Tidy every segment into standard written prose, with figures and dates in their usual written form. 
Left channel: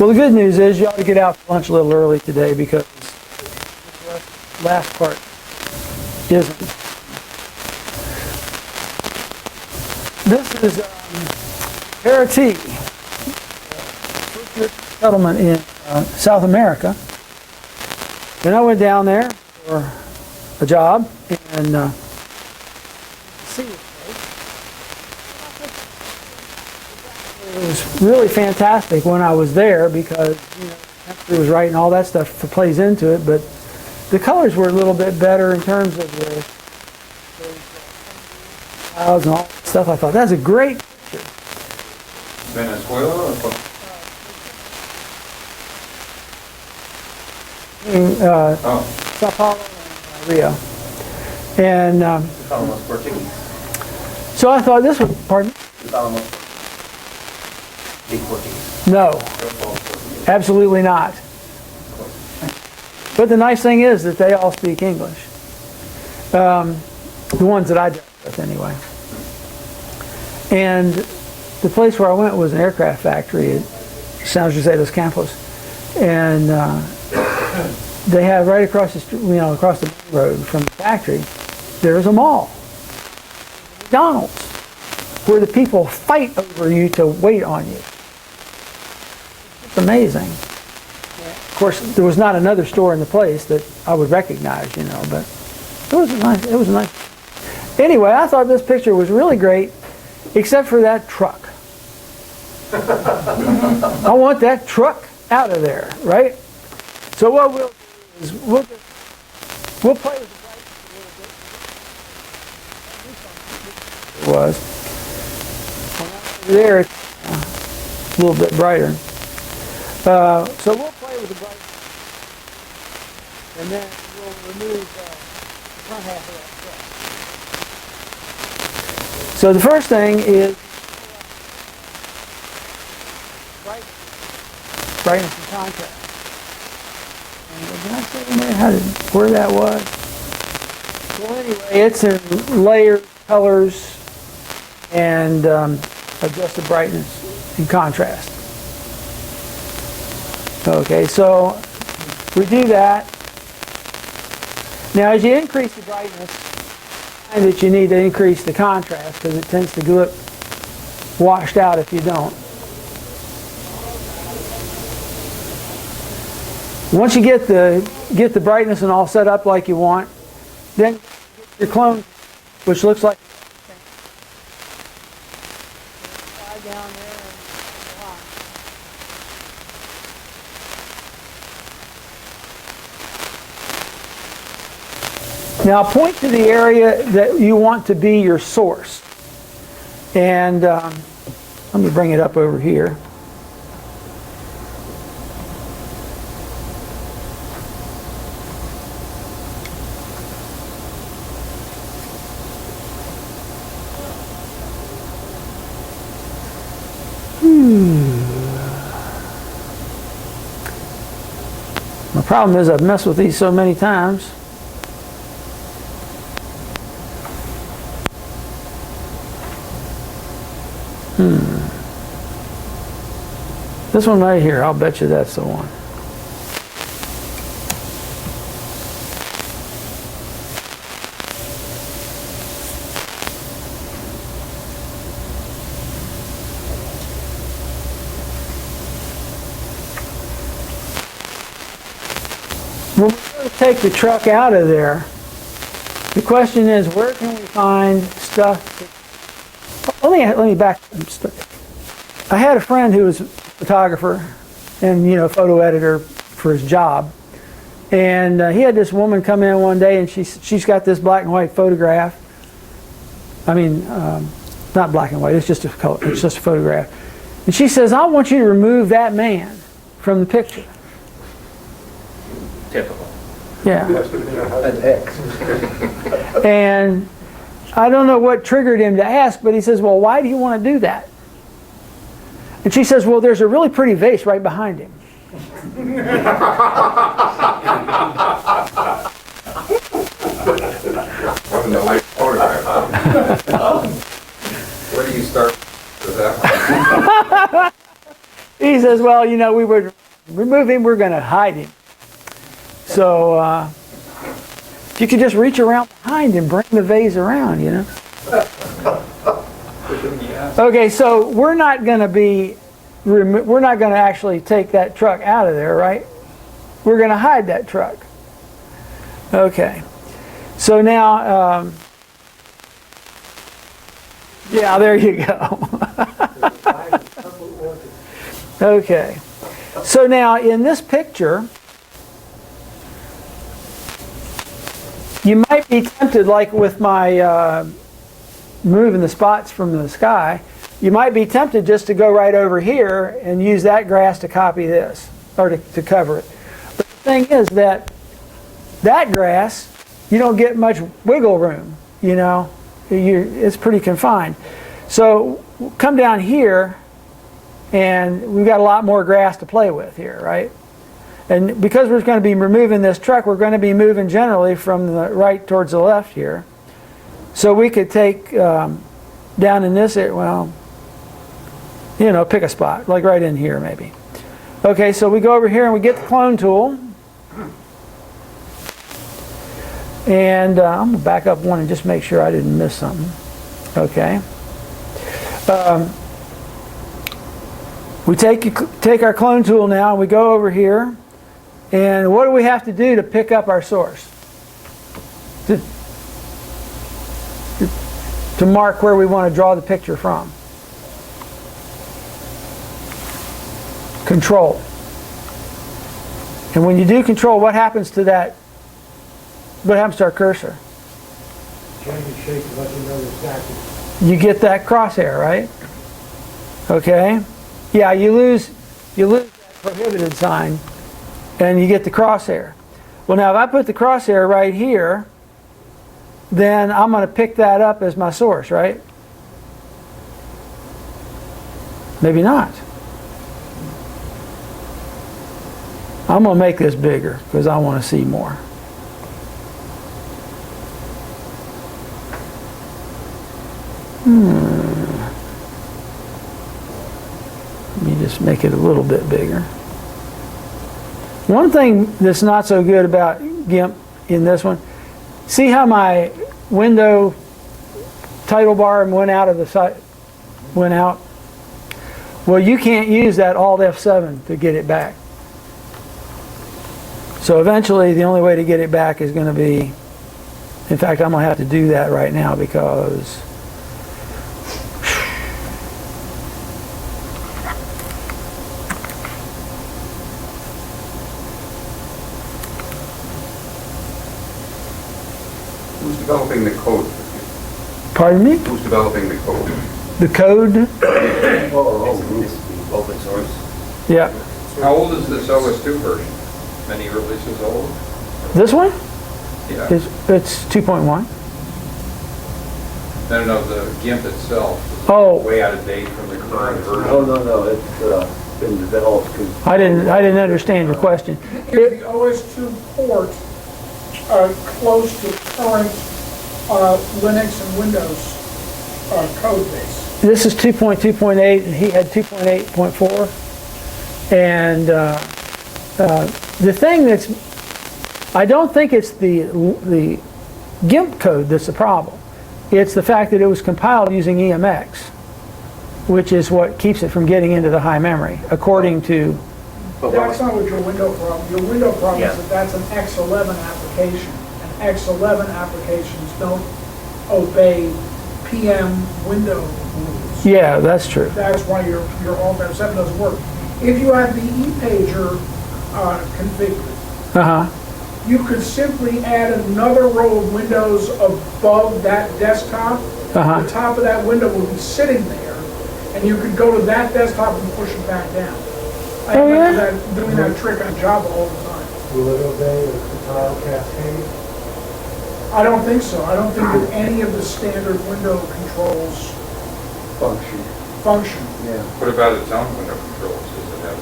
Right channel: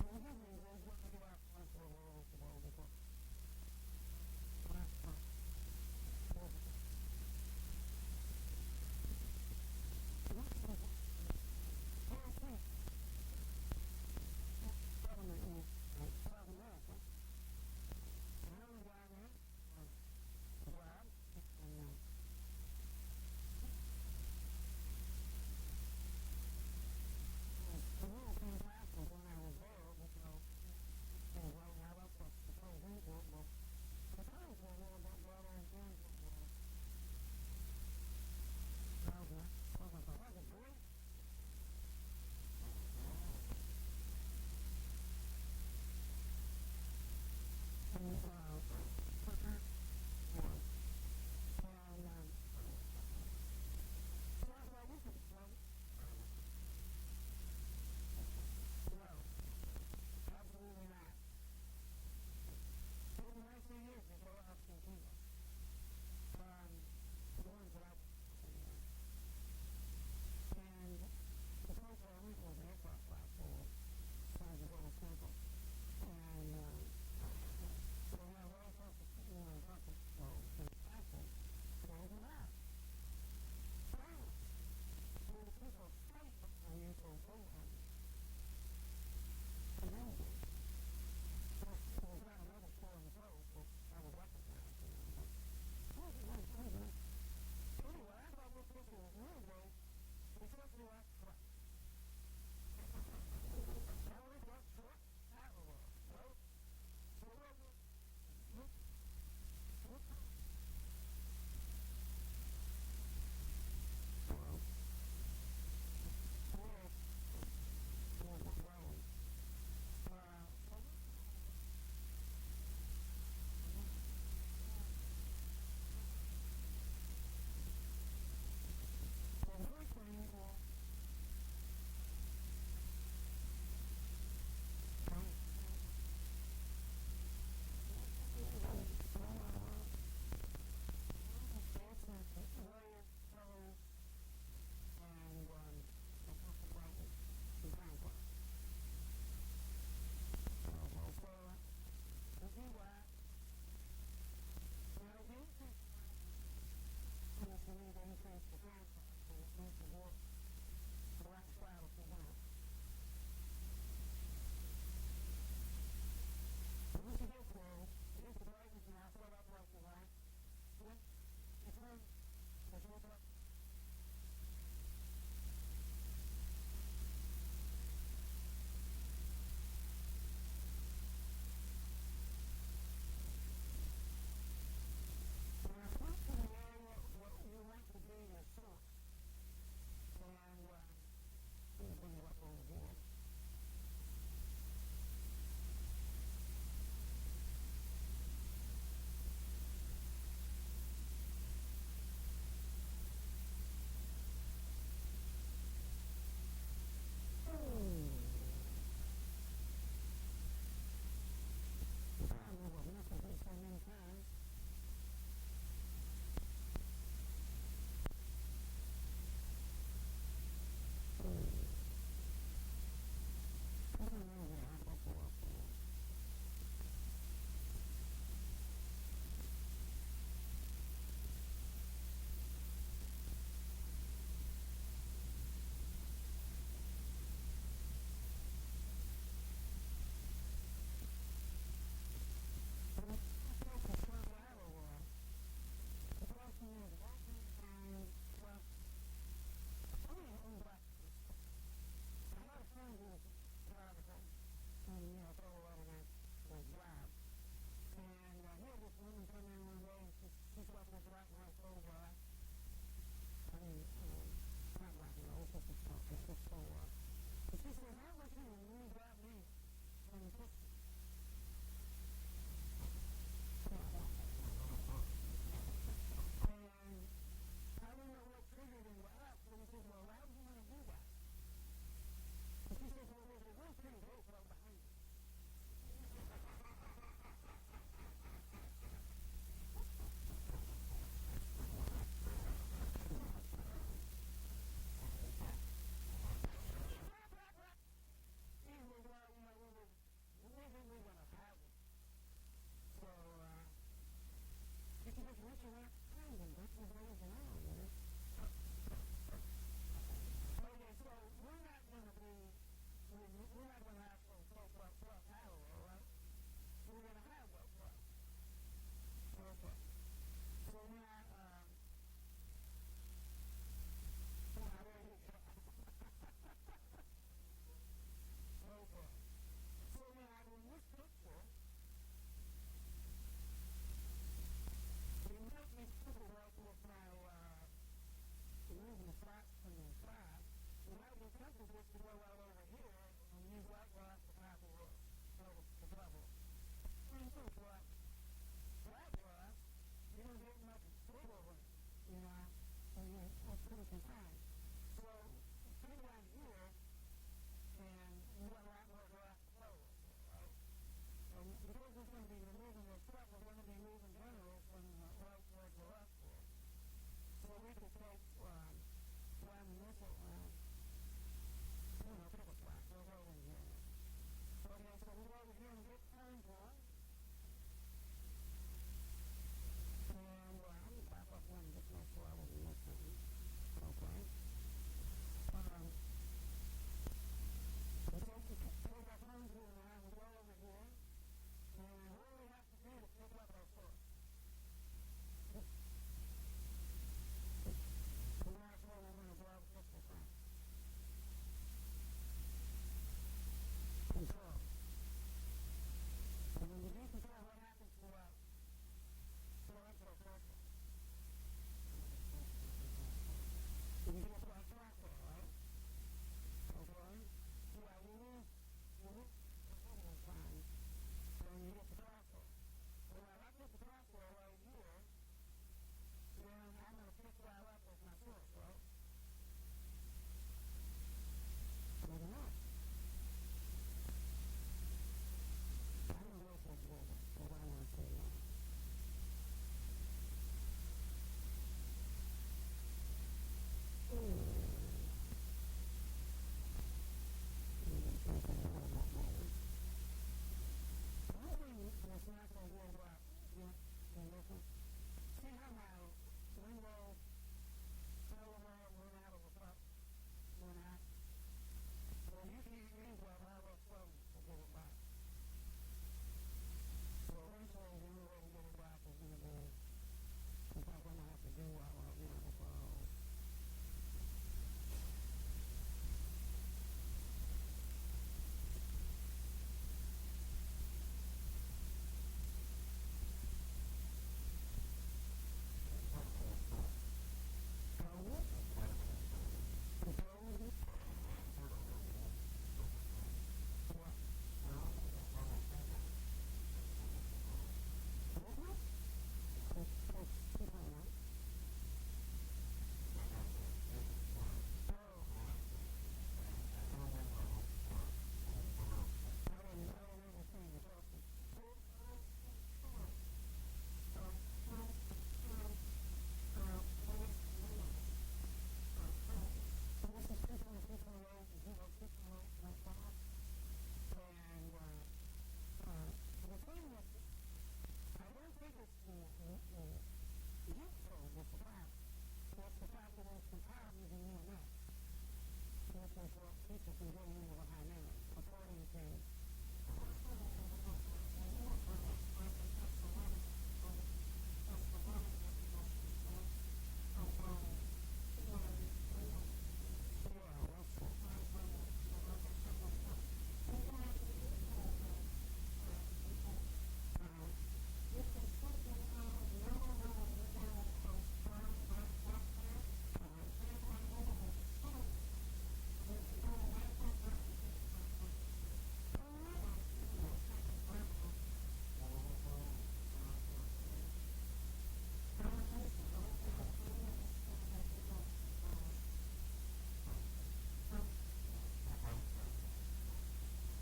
Well, the good news is you ought to get out for lunch a little early today because this last part isn't. This is Haiti, settlement in South America. And I went down there for a job and see it. It was really fantastic when I was there because the temperature was right and all that stuff plays into it, but the colors were a little bit better in terms of the clouds and all that stuff. I thought, that's a great picture. Venezuela or Sao Paulo and Rio. And almost Portuguese. so I thought this was, pardon? It's almost Portuguese. No, absolutely not. But the nice thing is that they all speak English. The ones that I dealt with anyway. And the place where I went was an aircraft factory at San Jose dos Campos. And they have right across the street, across the road from the factory, there's a mall. McDonald's, where the people fight over you to wait on you. It's amazing. Of course, there was not another store in the place that I would recognize, but it was nice. Anyway, I thought this picture was really great, except for that truck. I want that truck out of there, right? So what we'll do is we'll play with the bright a little bit. It was. There, it's a little bit brighter. So we'll play with the bright, and then we'll remove the front half of that truck. So the first thing is brightness and contrast. And did I say in there where that was? Well, anyway, it's in layers, colors, and adjusted brightness and contrast. Okay, so we do that. Now, as you increase the brightness, find that you need to increase the contrast because it tends to look washed out if you don't. Once you get the brightness and all set up like you want, then your clone, which looks like down there. Now point to the area that you want to be your source. And let me bring it up over here. My problem is I've messed with these so many times. This one right here, I'll bet you that's the one. When we go to take the truck out of there, the question is, where can we find stuff? Let me back. I had a friend who was a photographer and photo editor for his job, and he had this woman come in one day, and she's got this black and white photograph. I mean, not black and white. It's just a color. It's just a photograph. And she says, "I want you to remove that man from the picture." Typical. Yeah. An X. And I don't know what triggered him to ask, but he says, "Well, why do you want to do that?" And she says, "Well, there's a really pretty vase right behind him." Wasn't a light photograph. Where do you start with that one? he says, well, you know, we would remove him, we're going to hide him. So if you could just reach around behind and bring the vase around, you know. Okay, so we're not going to actually take that truck out of there, right? We're going to hide that truck. Okay. So now, yeah, there you go. Okay. So now in this picture, you might be tempted, like with my moving the spots from the sky, you might be tempted just to go right over here and use that grass to copy this, or to cover it. But the thing is that grass, you don't get much wiggle room, you know. It's pretty confined. So come down here, and we've got a lot more grass to play with here, right? And because we're going to be removing this truck, we're going to be moving generally from the right towards the left here. So we could take down in this area, well, you know, pick a spot, like right in here maybe. Okay, so we go over here and we get the clone tool. And I'm going to back up one and just make sure I didn't miss something. Okay. We take our clone tool now, and we go over here. And what do we have to do to pick up our source? To mark where we want to draw the picture from. Control. And when you do control, what happens to that? What happens to our cursor? Change the shape and let you know exactly. You get that crosshair, right? Okay. Yeah, you lose that prohibited sign, and you get the crosshair. Well, now if I put the crosshair right here, then I'm going to pick that up as my source, right? Maybe not. I'm going to make this bigger because I want to see more. Let me just make it a little bit bigger. One thing that's not so good about GIMP in this one, see how my window title bar went out of the site, went out? Well, you can't use that Alt F7 to get it back. So eventually the only way to get it back is going to be, in fact, I'm going to have to do that right now because Who's developing the code? pardon me? Who's developing the code? The code? Open source. Yeah. How old is this OS2 version? Many releases old? This one? Yeah. It's 2.1. No, the GIMP itself. Oh. Way out of date from the current version. Oh, no, it's been developed. I didn't understand your question. Is the OS2 port close to current Linux and Windows code base? This is 2.2.8, and he had 2.8.4. And the thing that's, I don't think it's the GIMP code that's the problem. It's the fact that it was compiled using EMX, which is what keeps it from getting into the high memory, according to. That's not what your window problem. Your window problem is that that's an X11 application, and X11 applications don't obey PM window rules. Yeah, that's true. That's why your Alt F7 doesn't work. If you had the ePager configured, you could simply add another row of windows above that desktop. The top of that window will be sitting there, and you could go to that desktop and push it back down. I remember doing that trick on Java all the time. Will it obey the compile cascade? I don't think so. I don't think that any of the standard window controls function. Yeah. What about its own window controls? Does it have?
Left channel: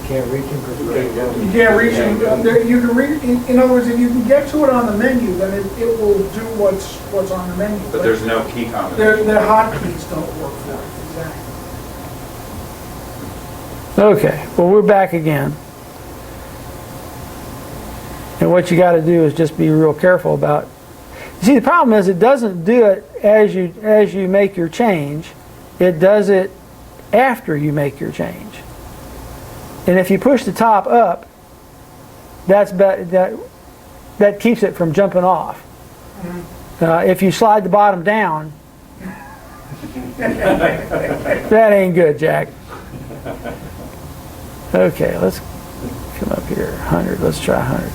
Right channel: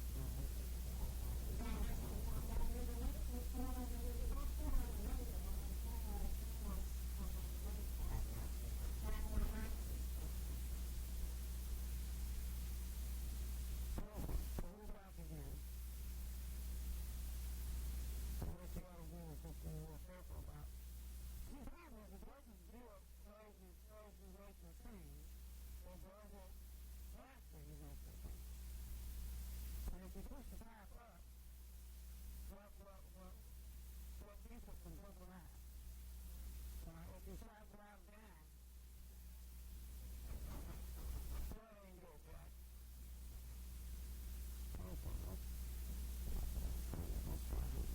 You can't reach them because you can't get them. You can't reach it. You can read. In other words, if you can get to it on the menu, then it will do what's on the menu. But there's no key combination. The hotkeys don't work for it. Exactly. Okay, well, we're back again. And what you got to do is just be real careful about. You see, the problem is it doesn't do it as you make your change. It does it after you make your change. And if you push the top up, that keeps it from jumping off. If you slide the bottom down, that ain't good, Jack. Okay, let's come up here. 100. Let's try 100.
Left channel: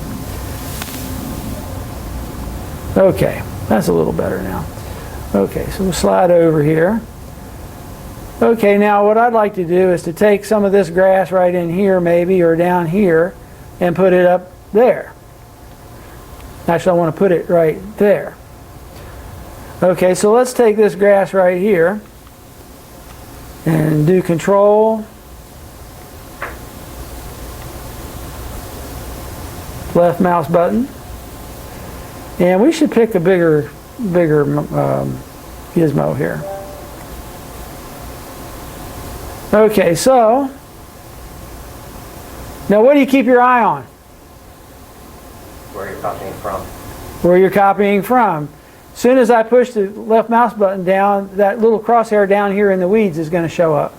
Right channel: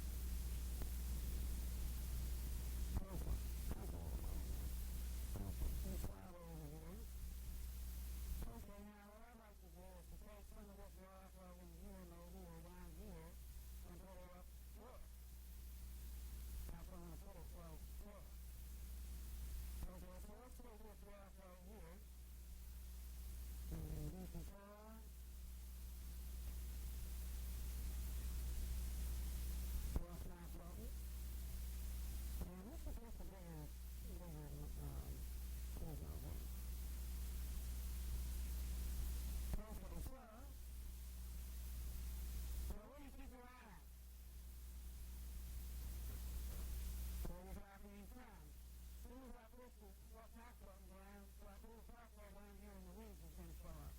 Okay, that's a little better now. Okay, so we'll slide over here. Okay, now what I'd like to do is to take some of this grass right in here maybe, or down here, and put it up there. Actually, I want to put it right there. Okay, so let's take this grass right here and do Control, left mouse button, and we should pick a bigger gizmo here. Okay, so now what do you keep your eye on? Where you're copying from. Where you're copying from. As soon as I push the left mouse button down, that little crosshair down here in the weeds is going to show up.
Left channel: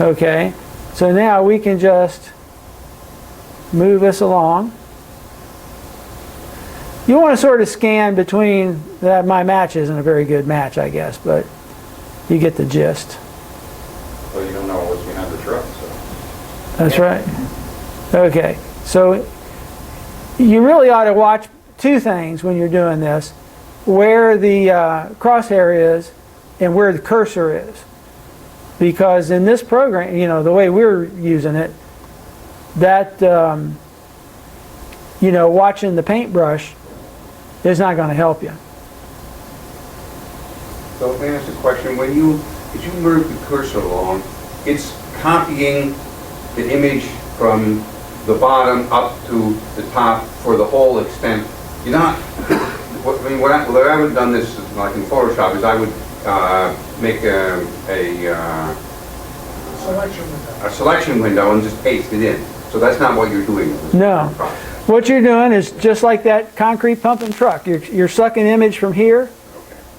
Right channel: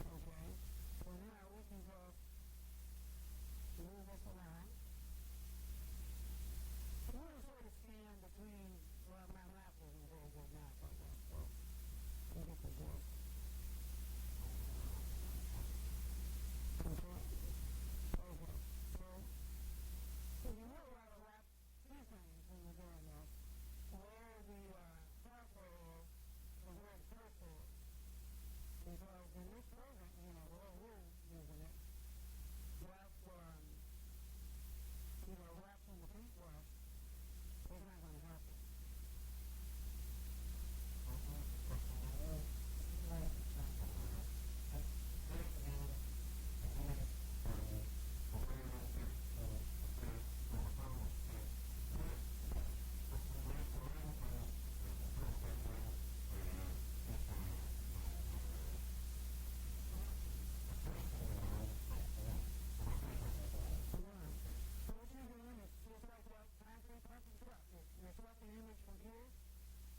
Okay, so now we can just move this along. You want to sort of scan between that. My match isn't a very good match, I guess, but you get the gist. Well, you don't know what's behind the truck, so. That's right. Okay, so you really ought to watch two things when you're doing this: where the crosshair is and where the cursor is. Because in this program, you know, the way we're using it, that, you know, watching the paintbrush is not going to help you. So let me ask a question. As you move the cursor along, it's copying the image from the bottom up to the top for the whole extent. You're not, what I haven't done this like in Photoshop is I would make a selection window and just paste it in. So that's not what you're doing. No. What you're doing is just like that concrete pumping truck. You're sucking image from here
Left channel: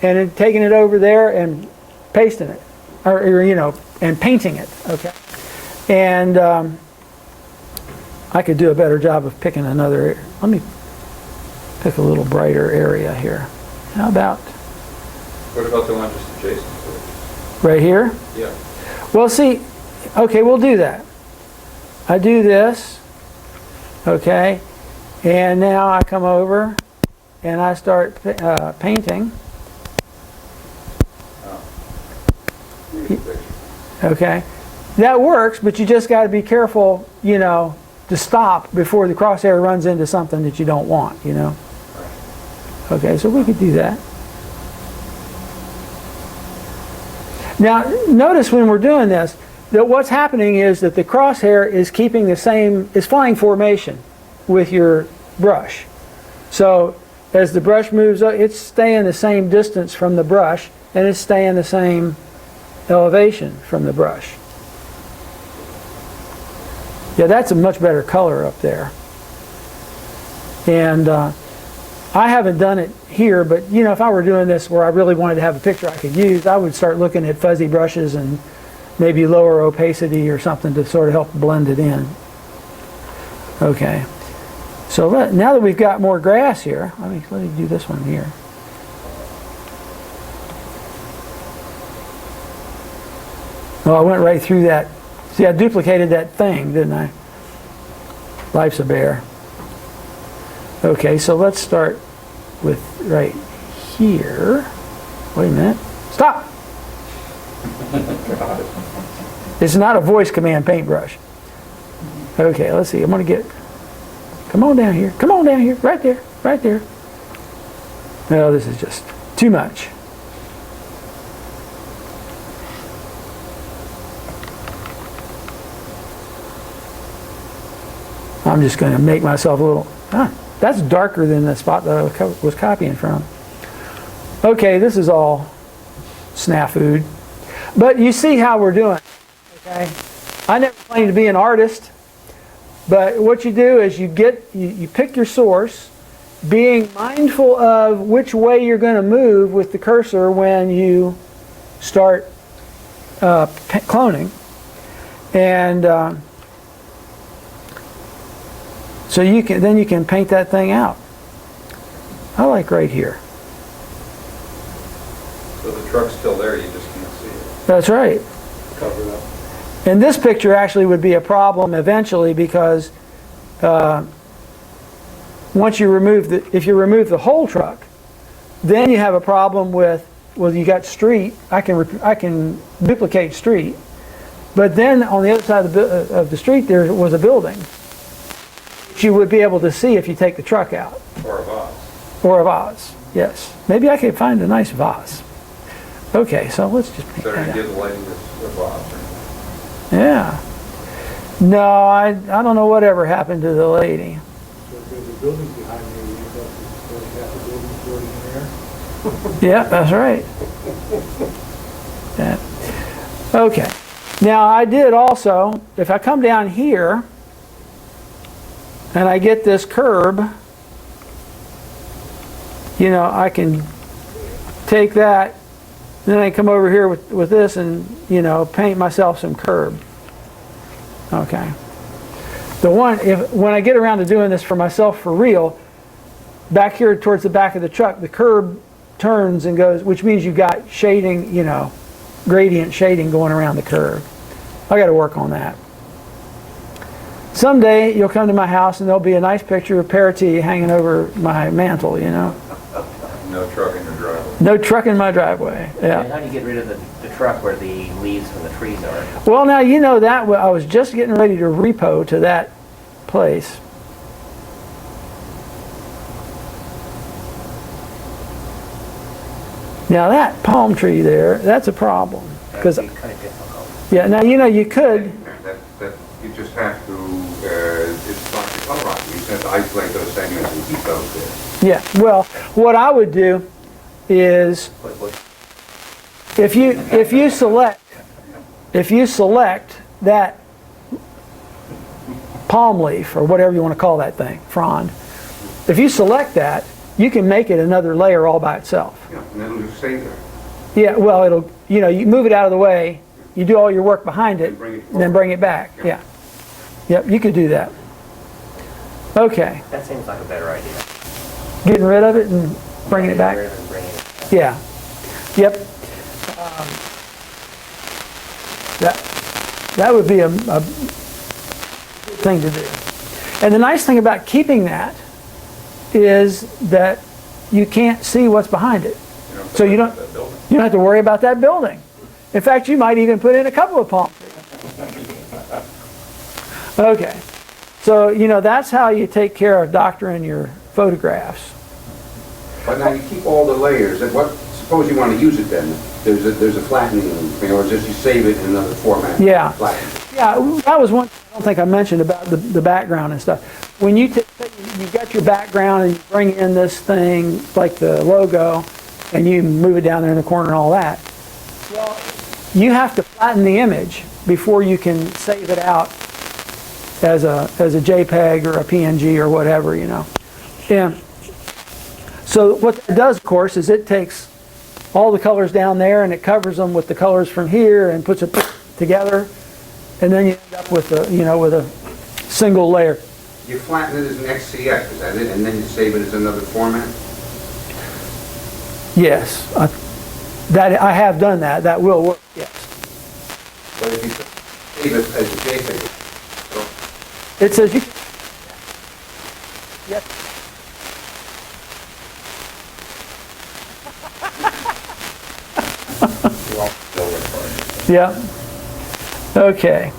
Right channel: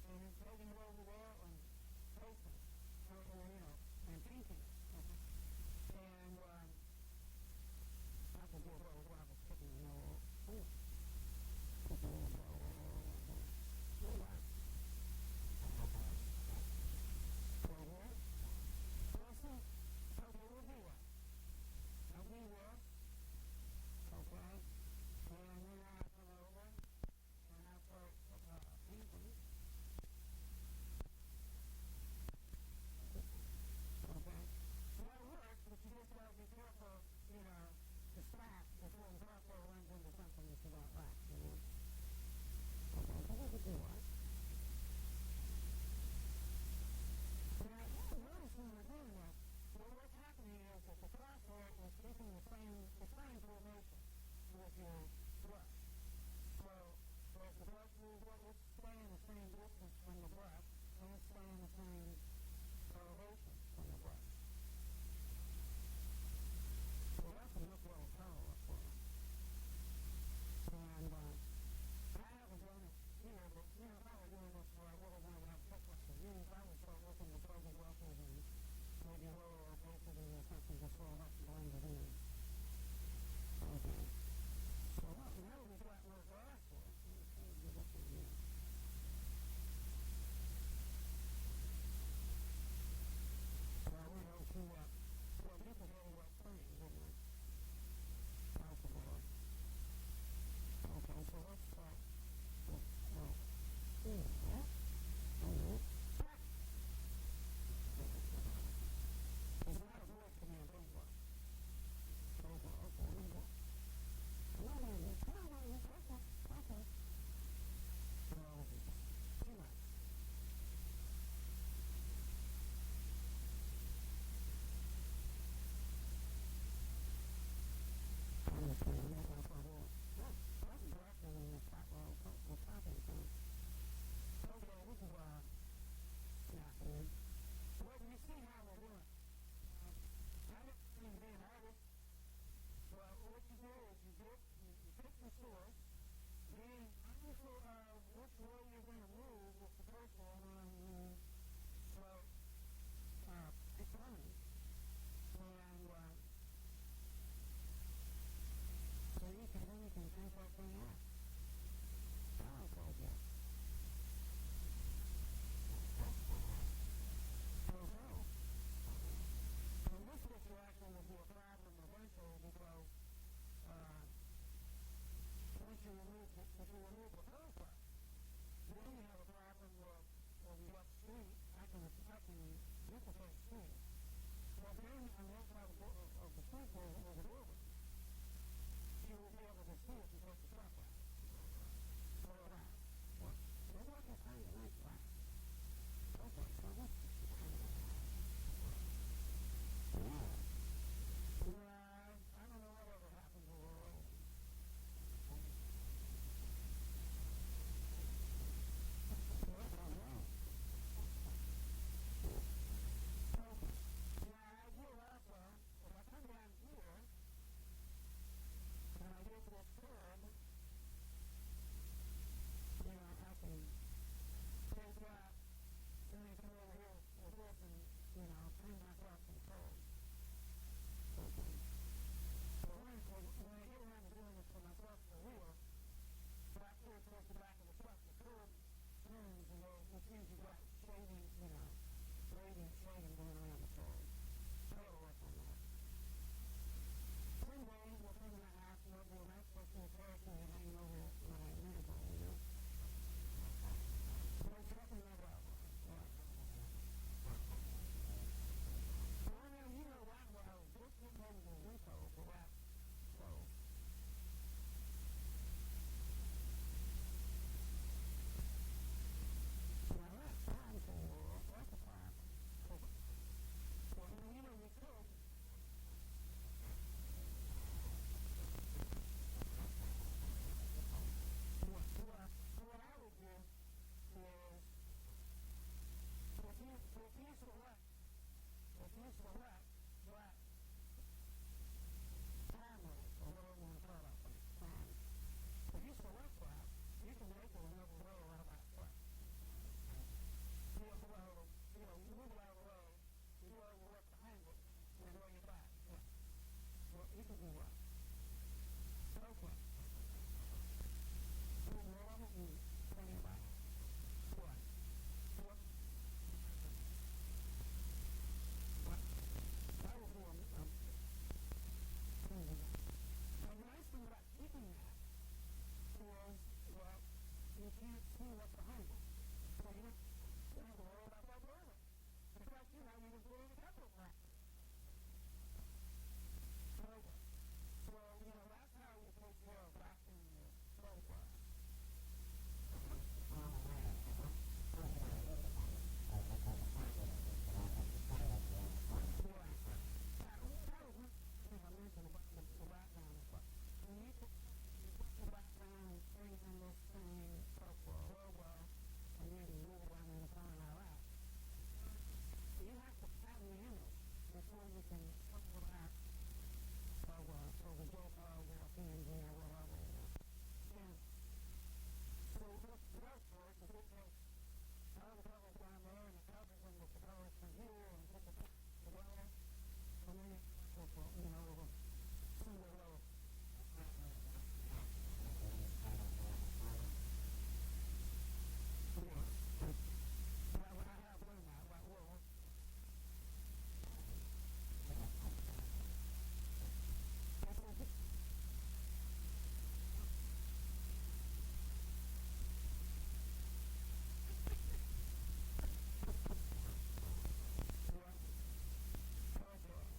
and then taking it over there and pasting it, or you know, and painting it. Okay. And I could do a better job of picking another. Let me pick a little brighter area here. How about What about the one just adjacent to it? right here? Yeah. Well, see, okay, we'll do that. I do this, okay, and now I come over and I start painting. Okay, that works, but you just got to be careful, you know, to stop before the crosshair runs into something that you don't want, you know. Okay, so we could do that. Now, notice when we're doing this, that what's happening is that the crosshair is keeping the same, is flying formation with your brush. So as the brush moves up, it's staying the same distance from the brush, and it's staying the same elevation from the brush. Yeah, that's a much better color up there. And I haven't done it here, but you know, if I were doing this where I really wanted to have a picture I could use, I would start looking at fuzzy brushes and maybe lower opacity or something to sort of help blend it in. Okay, so now that we've got more grass here, let me do this one here. Well, I went right through that. See, I duplicated that thing, didn't I? Life's a bear. Okay, so let's start with right here. Wait a minute. Stop! It's not a voice command paintbrush. Okay, let's see. I'm going to get... Come on down here. Come on down here. Right there. Right there. No, this is just too much. I'm just going to make myself a little... that's darker than the spot that I was copying from. Okay, this is all snafu'd. But you see how we're doing. Okay? I never claimed to be an artist, but what you do is you pick your source, being mindful of which way you're going to move with the cursor when you start cloning. And so you can paint that thing out. I like right here. So the truck's still there, you just can't see it. That's right. Cover it up. And this picture actually would be a problem eventually because once you remove if you remove the whole truck, then you have a problem with, well, you got street. I can duplicate street, but then on the other side of the street there was a building, which you would be able to see if you take the truck out. Or a vase. Or a vase. Yes. Maybe I could find a nice vase. Okay, so let's just paint Better that out. give the lady this vase. Yeah. No, I don't know whatever happened to the lady. So if there's a building behind me, you end up with half the building floating in the air. Yeah, that's right. Yeah. Okay. Now I did also, if I come down here and I get this curb, you know, I can take that, then I come over here with this and, you know, paint myself some curb. Okay. When I get around to doing this for myself for real, back here towards the back of the truck, the curb turns and goes, which means you've got shading, you know, gradient shading going around the curb. I got to work on that. Someday you'll come to my house and there'll be a nice picture of Parati hanging over my mantle, you know. No truck in your driveway. No truck in my driveway. Yeah. And how do you get rid of the truck where the leaves from the trees are? Well, now you know that I was just getting ready to repo to that place. Now that palm tree there, that's a problem. Because That'd be kind of difficult. yeah, now you know you could. That you just have to, it's like the color rock, you just have to isolate those segments and keep those there. Yeah. Well, what I would do is if you select that palm leaf or whatever you want to call that thing, frond. If you select that, you can make it another layer all by itself. Yeah, and it'll just stay there. Yeah, well, it'll, you know, you move it out of the way, you do all your work behind it, and then bring it back. Yeah. Yep, you could do that. Okay. That seems like a better idea. Getting rid of it and bringing it back? Getting rid of it and bringing it back. Yeah. Yep. That would be a good thing to do. And the nice thing about keeping that is that you can't see what's behind it. So you don't have to worry about that building. In fact, you might even put in a couple of palm trees. Okay. So, you know, that's how you take care of doctoring your photographs. But now you keep all the layers, and suppose you want to use it then, there's a flattening, or just you save it in another format. Yeah. Flatten. Yeah, that was one thing I don't think I mentioned about the background and stuff. When you got your background and you bring in this thing like the logo and you move it down there in the corner and all that, well, you have to flatten the image before you can save it out as a JPEG or a PNG or whatever, you know. Yeah. So what it does, of course, is it takes all the colors down there and it covers them with the colors from here and puts it together, and then you end up with a single layer. You flatten it as an XCF, is that it? And then you save it as another format? Yes, I have done that. That will work. Yes. But if you save it as a JPEG, It says you can. Yep. Yeah. Okay.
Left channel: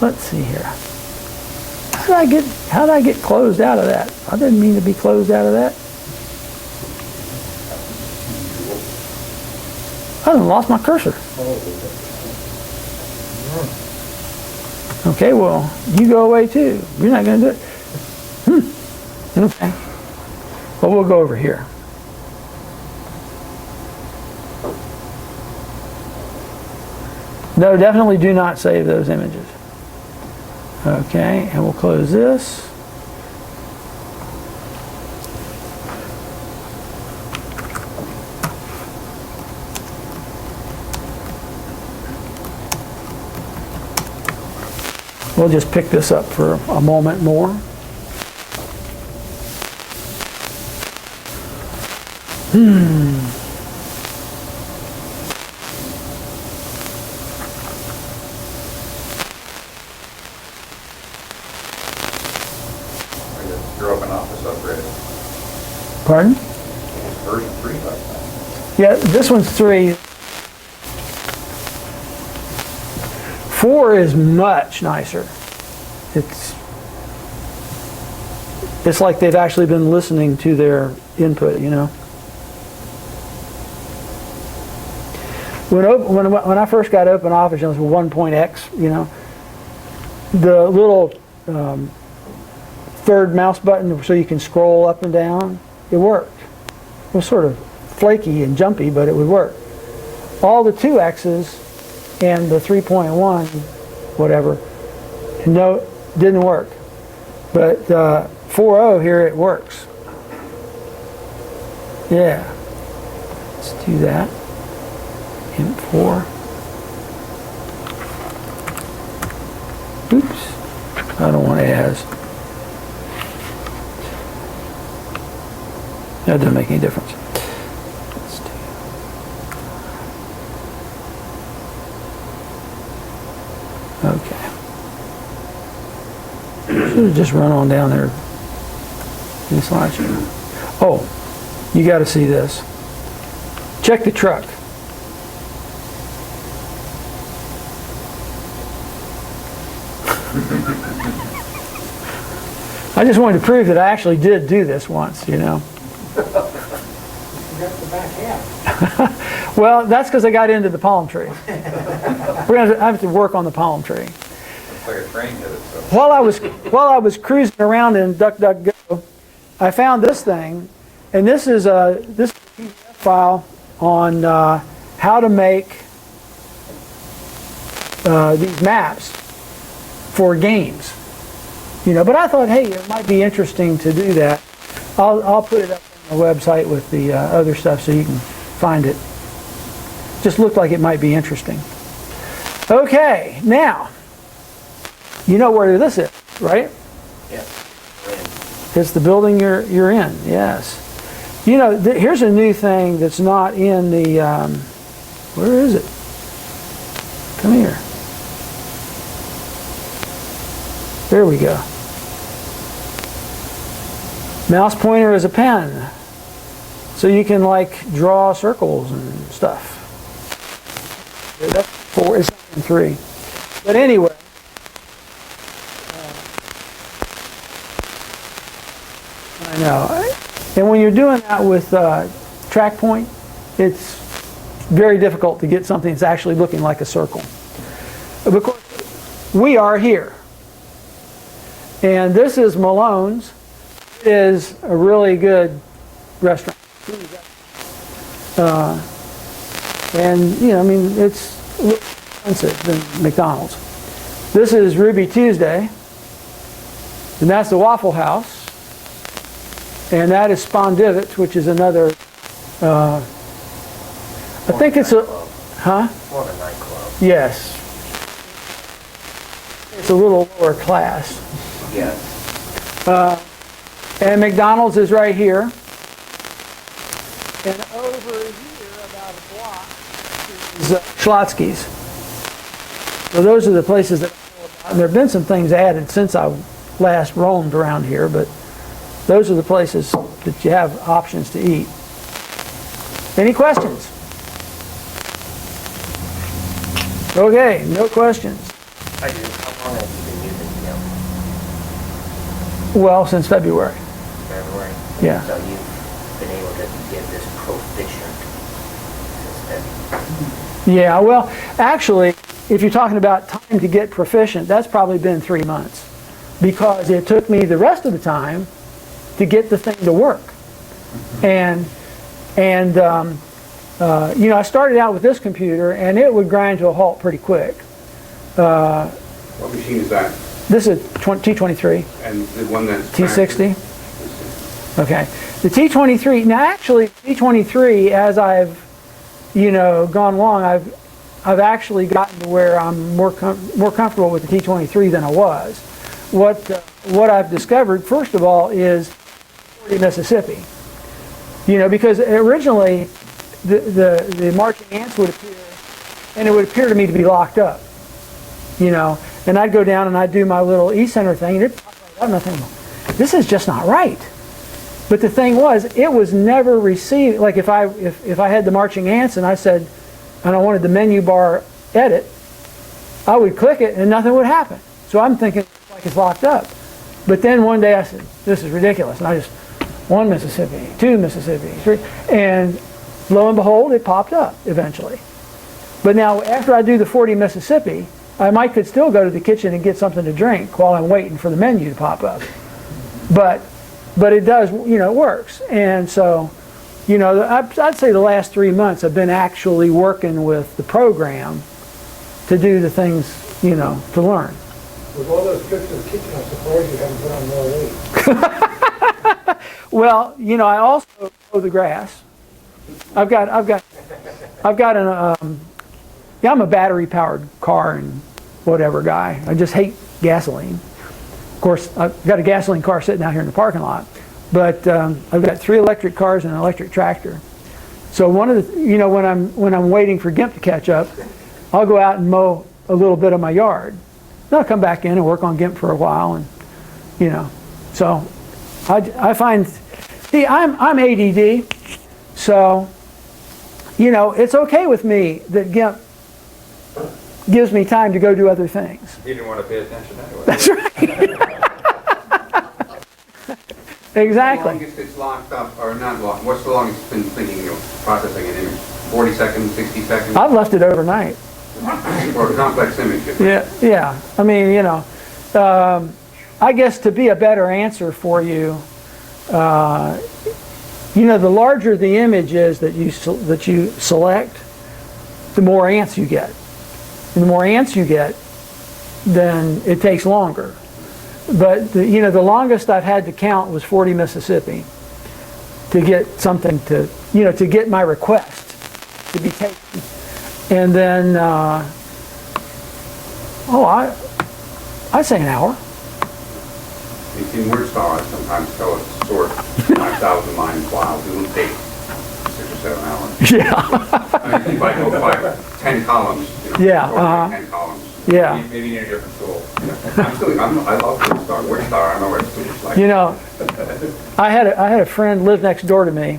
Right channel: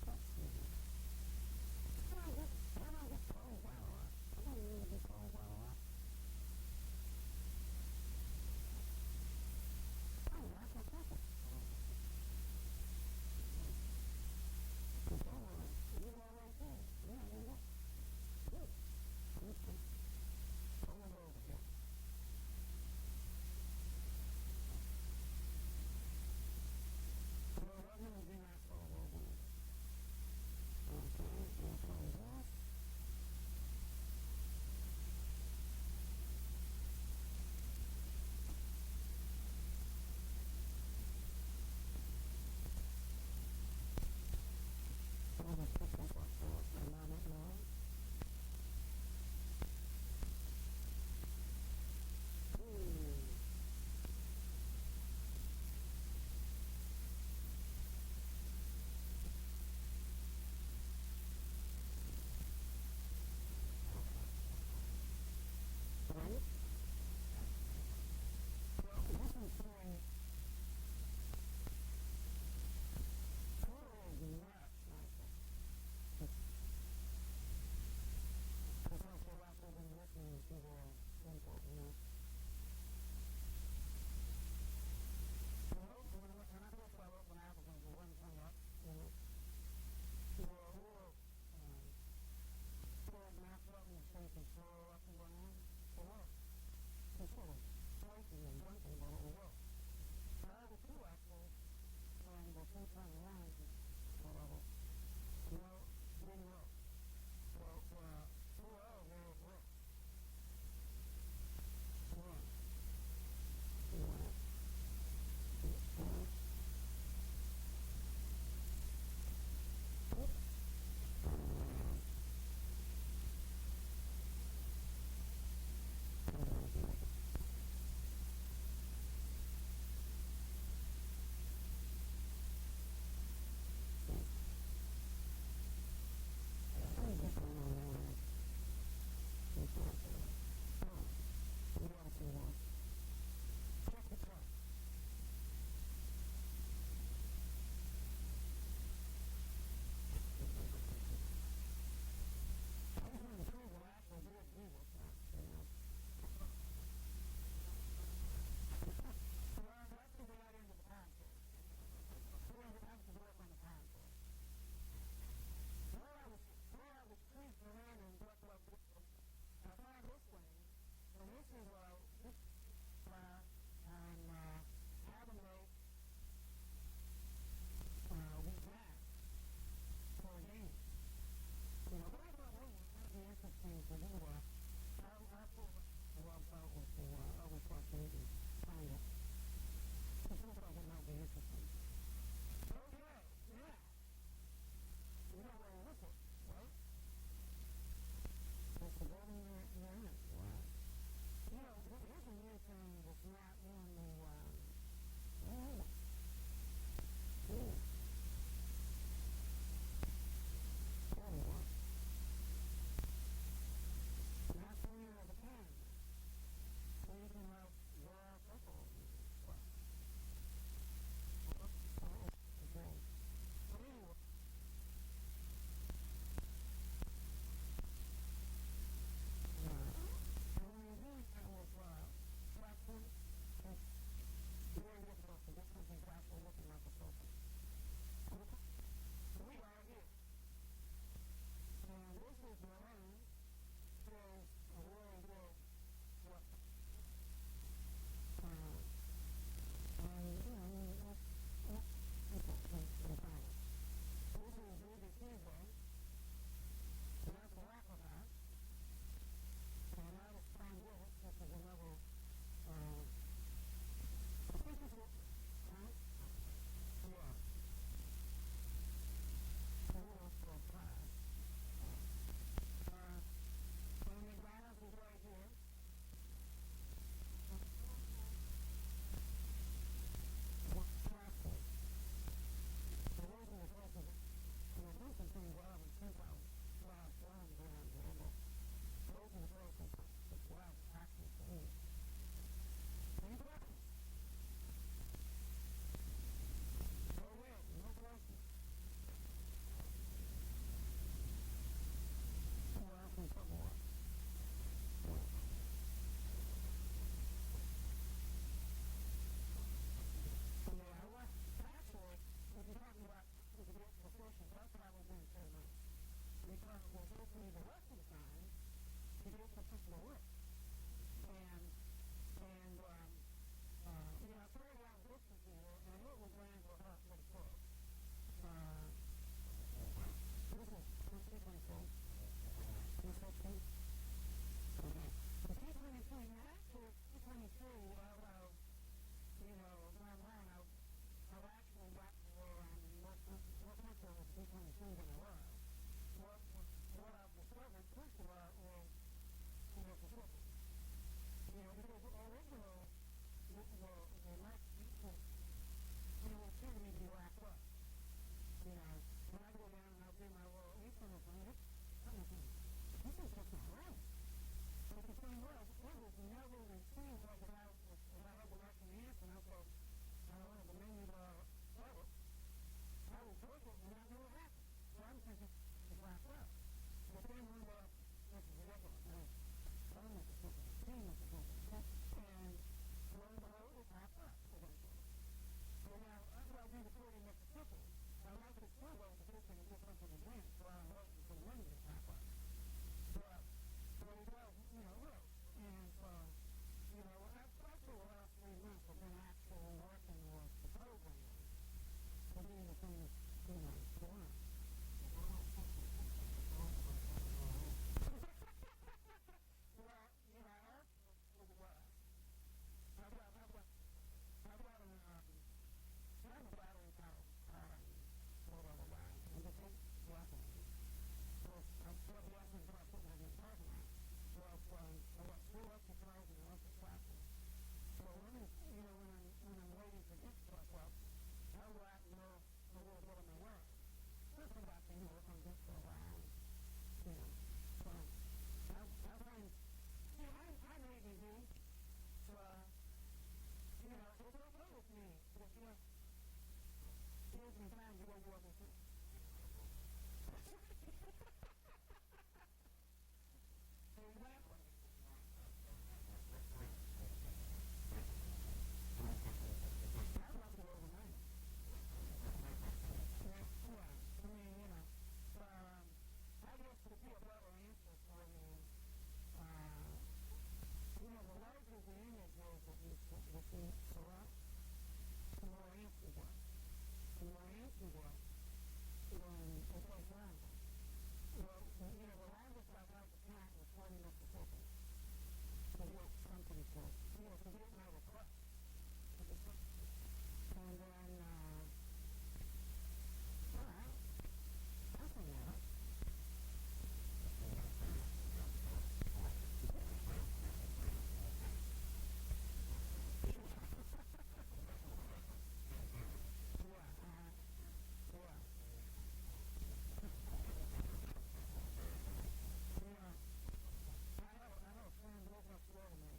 Let's see here. How did I get closed out of that? I didn't mean to be closed out of that. I done lost my cursor. Okay, well, you go away too. You're not going to do it. Okay. Well, we'll go over here. No, definitely do not save those images. Okay, and we'll close this. We'll just pick this up for a moment more. Your open office upgraded. Pardon? Version 3 last time. Yeah, this one's 3. 4 is much nicer. It's like they've actually been listening to their input, you know. When I first got Open Office, it was 1.x, you know, the little third mouse button so you can scroll up and down, it worked. It was sort of flaky and jumpy, but it would work. All the 2x's and the 3.1, whatever, no, didn't work. But 4.0 here, it works. Yeah. Let's do that. Gimp 4. Oops. I don't want as. That doesn't make any difference. Let's do. Okay. Should have just run on down there. In the slideshow. Oh, you got to see this. Check the truck. I just wanted to prove that I actually did do this once, you know. You got the back half. Well, that's because I got into the palm tree. I have to work on the palm tree. Looks like a train did it, so. While I was cruising around in DuckDuckGo, I found this thing, and this is a PDF file on how to make these maps for games. You know, but I thought, hey, it might be interesting to do that. I'll put it up on the website with the other stuff so you can find it. Just looked like it might be interesting. Okay, now, you know where this is, right? Yes. It's the building you're in, yes. You know, here's a new thing that's not in the, where is it? Come here. There we go. Mouse pointer is a pen. So you can like draw circles and stuff. That's 4, it's not in 3. But anyway. I know. And when you're doing that with track point, it's very difficult to get something that's actually looking like a circle. Of course, we are here. And this is Malone's. It is a really good restaurant. And, you know, I mean, it's a little expensive than McDonald's. This is Ruby Tuesday. And that's the Waffle House. And that is Spondivit, which is another, I think it's a, huh? More of a nightclub. Yes. It's a little lower class. Yes. And McDonald's is right here. And over here, about a block, is Schlotsky's. So those are the places that I know about. And there have been some things added since I last roamed around here, but those are the places that you have options to eat. Any questions? Okay, no questions. I do. How long have you been using Gimp? Well, since February. February? Yeah. So you've been able to get this proficient since then? Yeah, well, actually, if you're talking about time to get proficient, that's probably been 3 months. Because it took me the rest of the time to get the thing to work. And you know, I started out with this computer, and it would grind to a halt pretty quick. What machine is that? This is T23. And the one that's... T60. Okay. The T23, now actually, T23, as I've, you know, gone along, I've actually gotten to where I'm more comfortable with the T23 than I was. What I've discovered, first of all, is 40 Mississippi. You know, because originally the marching ants would appear, and it would appear to me to be locked up. You know, and I'd go down and I'd do my little e-center thing, and it'd pop right up, and I'd think, this is just not right. But the thing was, it was never received. Like if I had the marching ants and I said, and I wanted the menu bar edit, I would click it and nothing would happen. So I'm thinking like it's locked up. But then one day I said, this is ridiculous. And I just, 1 Mississippi, 2 Mississippi, 3, and lo and behold, it popped up eventually. But now after I do the 40 Mississippi, I could still go to the kitchen and get something to drink while I'm waiting for the menu to pop up. But it does, you know, it works. And so, you know, I'd say the last 3 months I've been actually working with the program to do the things, you know, to learn. With all those trips to the kitchen, I'm surprised you haven't put on more weight. Well, you know, I also mow the grass. I've got an, yeah, I'm a battery-powered car and whatever guy. I just hate gasoline. Of course, I've got a gasoline car sitting out here in the parking lot, but I've got 3 electric cars and an electric tractor. So one of the, you know, when I'm waiting for Gimp to catch up, I'll go out and mow a little bit of my yard. Then I'll come back in and work on Gimp for a while, and you know, so I find, see, I'm ADD, so you know, it's okay with me that Gimp gives me time to go do other things. You didn't want to pay attention anyway. That's right. Exactly. How long it's locked up, or not locked? What's the longest it's been thinking of processing an image? 40 seconds, 60 seconds? I've left it overnight. Or a complex image? Yeah, yeah. I mean, you know, I guess to be a better answer for you, you know, the larger the image is that you select, the more ants you get. And the more ants you get, then it takes longer. But you know, the longest I've had to count was 40 Mississippi to get something to, you know, to get my request to be taken. And then, I'd say an hour. In Warpstock, I sometimes tell it to sort 5,000 lines files. It will take 6 or 7 hours. Yeah. I mean, if I go 10 columns, you know, Yeah, 10 columns. Yeah. Maybe you need a different tool. I love Warpstock. I know what it's like. You know, I had a friend live next door to me.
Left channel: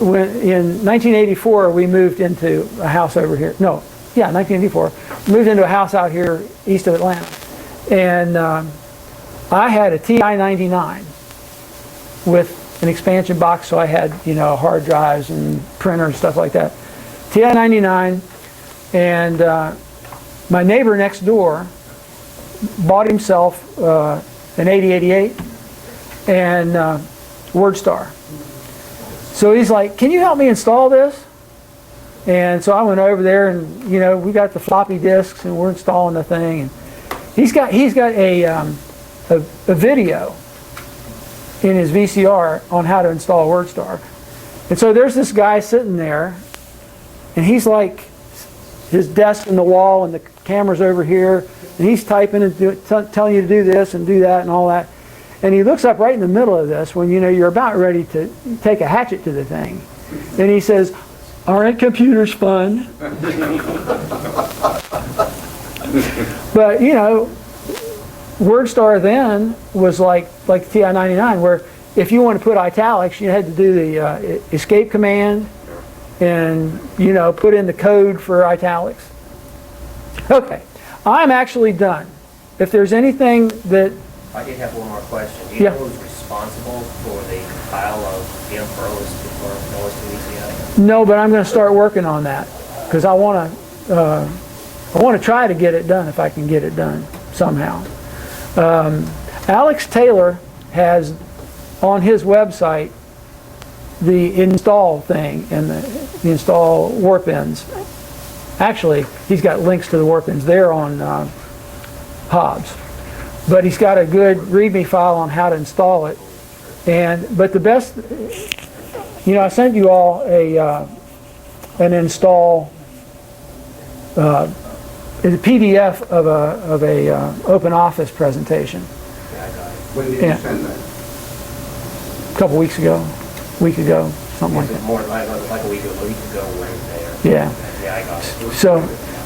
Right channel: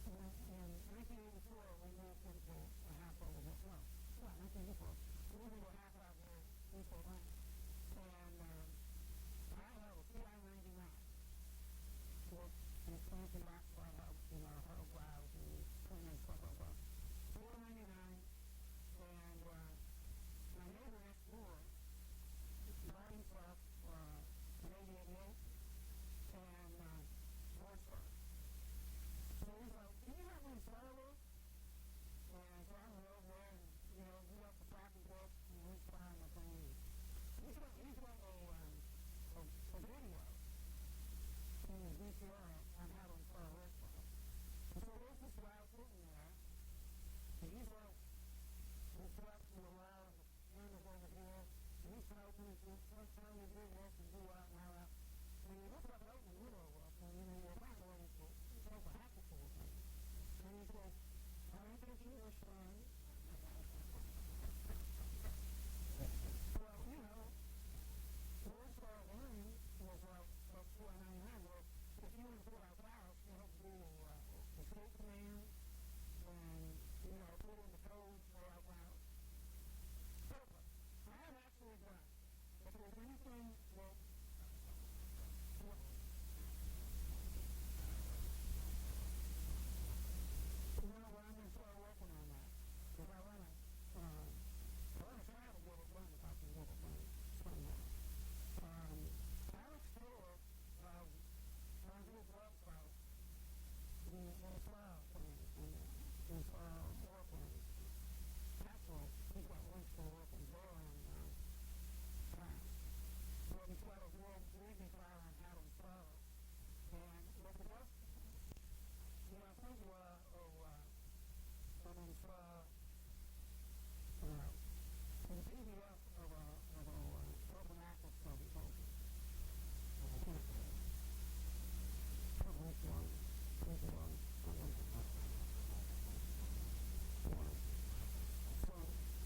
When in 1984 we moved into a house over here. No, yeah, 1984. Moved into a house out here east of Atlanta, and I had a TI-99 with an expansion box, so I had, you know, hard drives and printer and stuff like that. TI-99, and my neighbor next door bought himself an 8088 and WordStar. So he's like, can you help me install this? And so I went over there, and you know, we got the floppy disks and we're installing the thing. And he's got a video in his VCR on how to install WordStar. And so there's this guy sitting there, and he's like, his desk in the wall and the camera's over here, and he's typing and telling you to do this and do that and all that. And he looks up right in the middle of this when, you know, you're about ready to take a hatchet to the thing. And he says, aren't computers fun? But, you know, WordStar then was like TI-99, where if you want to put italics, you had to do the escape command and, you know, put in the code for italics. Okay, I'm actually done. If there's anything that... I did have one more question. Do you know who's responsible for the file of Gimp for OS2VCI? No, but I'm going to start working on that because I want to try to get it done if I can get it done somehow. Alex Taylor has on his website the install thing and the install warp ends. Actually, he's got links to the warp ends there on Hobbs. But he's got a good README file on how to install it. But the best, I sent you all an install, a PDF of a Open Office presentation. When did you send that? A couple weeks ago, week ago, something like that. More like a week ago Wednesday. Yeah. Yeah, I got it. So,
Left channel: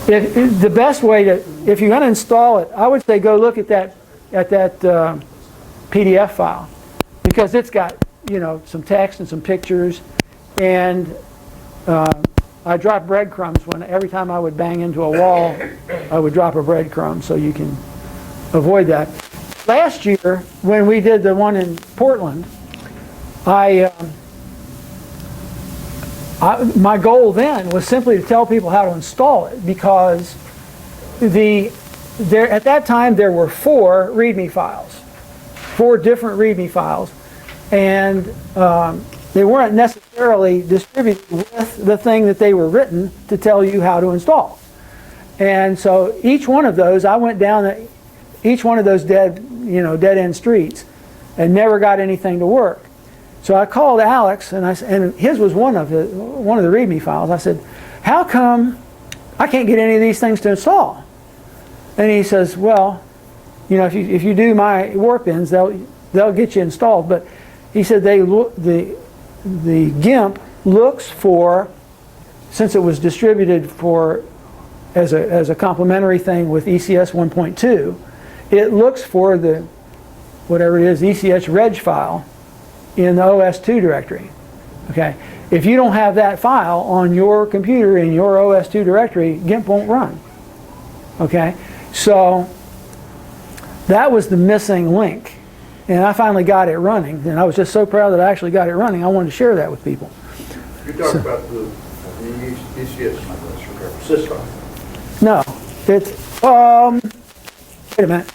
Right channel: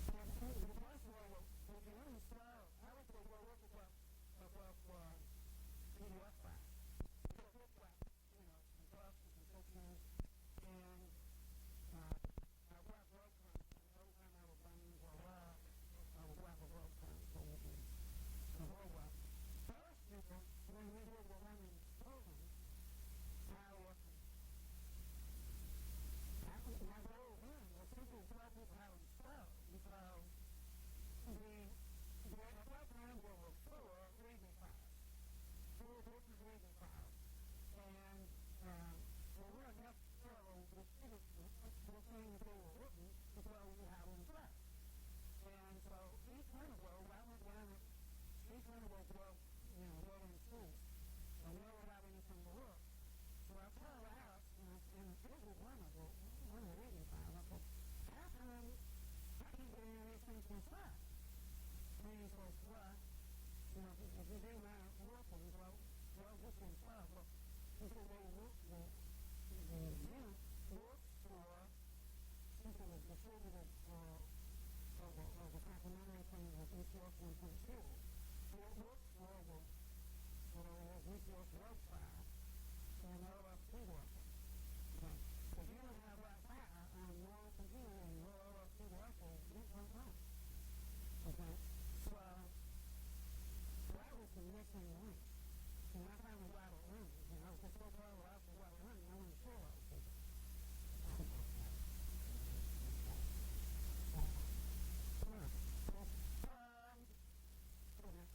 the best way to, if you're going to install it, I would say go look at that PDF file, because it's got some text and some pictures, and I drop breadcrumbs every time I would bang into a wall, I would drop a breadcrumb, so you can avoid that. Last year, when we did the one in Portland, my goal then was simply to tell people how to install it, because at that time there were 4 README files, 4 different README files, and they weren't necessarily distributed with the thing that they were written to tell you how to install. And so each one of those, I went down each one of those dead end streets and never got anything to work. So I called Alex, and his was one of the README files. I said, how come I can't get any of these things to install? And he says, well, if you do my warp ends, they'll get you installed. But he said the Gimp looks for, since it was distributed as a complementary thing with ECS 1.2, it looks for the whatever it is, ECS reg file in the OS2 directory. Okay, if you don't have that file on your computer in your OS2 directory, Gimp won't run. Okay, so that was the missing link, and I finally got it running, and I was just so proud that I actually got it running. I wanted to share that with people. You talk about the ECS system. No, it's wait a minute.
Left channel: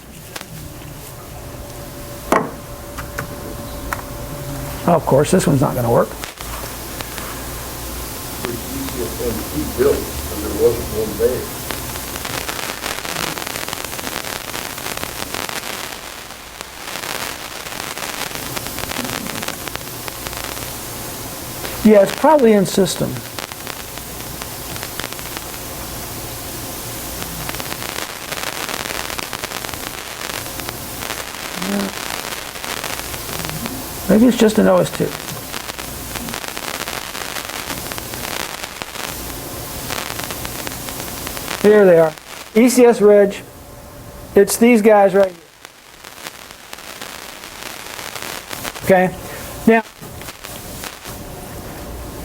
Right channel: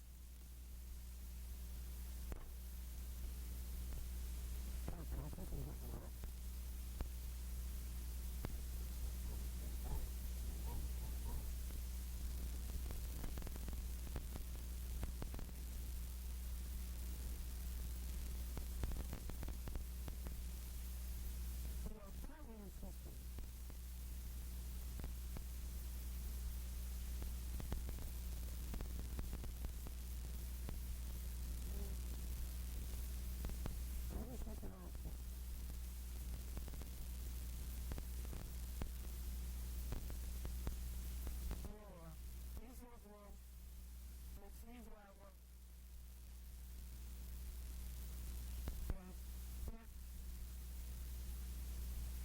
Oh, of course, this one's not going to work. ECS built, and there wasn't one there. Yeah, it's probably in system. Maybe it's just an OS2. Here they are. ECS Reg. It's these guys right here. Okay? Now,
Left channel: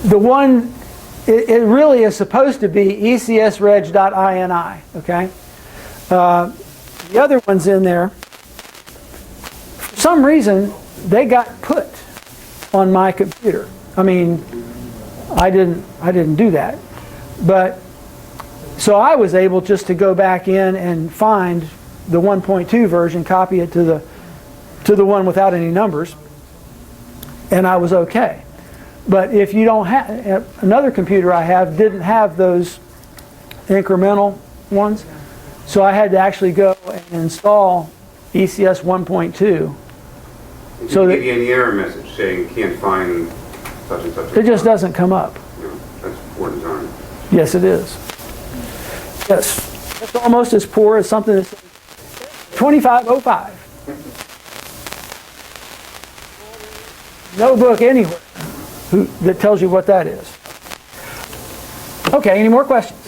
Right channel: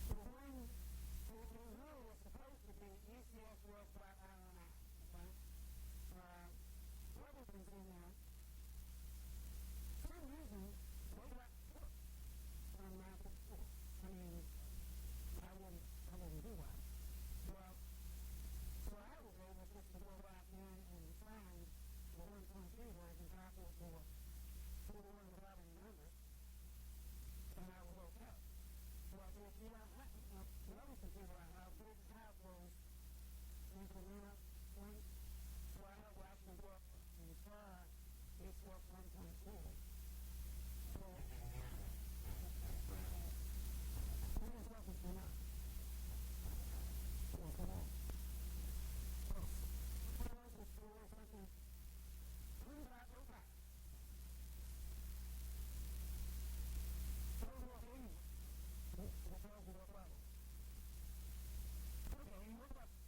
the one, it really is supposed to be ECSReg.ini. Okay? The other ones in there, for some reason, they got put on my computer. I mean, I didn't do that. But so I was able just to go back in and find the 1.2 version, copy it to the one without any numbers, and I was okay. But if you don't have, another computer I have didn't have those incremental ones, so I had to actually go and install ECS 1.2. So give you an error message saying can't find such and such. It just doesn't come up. That's poor design. Yes, it is. Yes, it's almost as poor as something that's 2505. No book anywhere that tells you what that is. Okay, any more questions?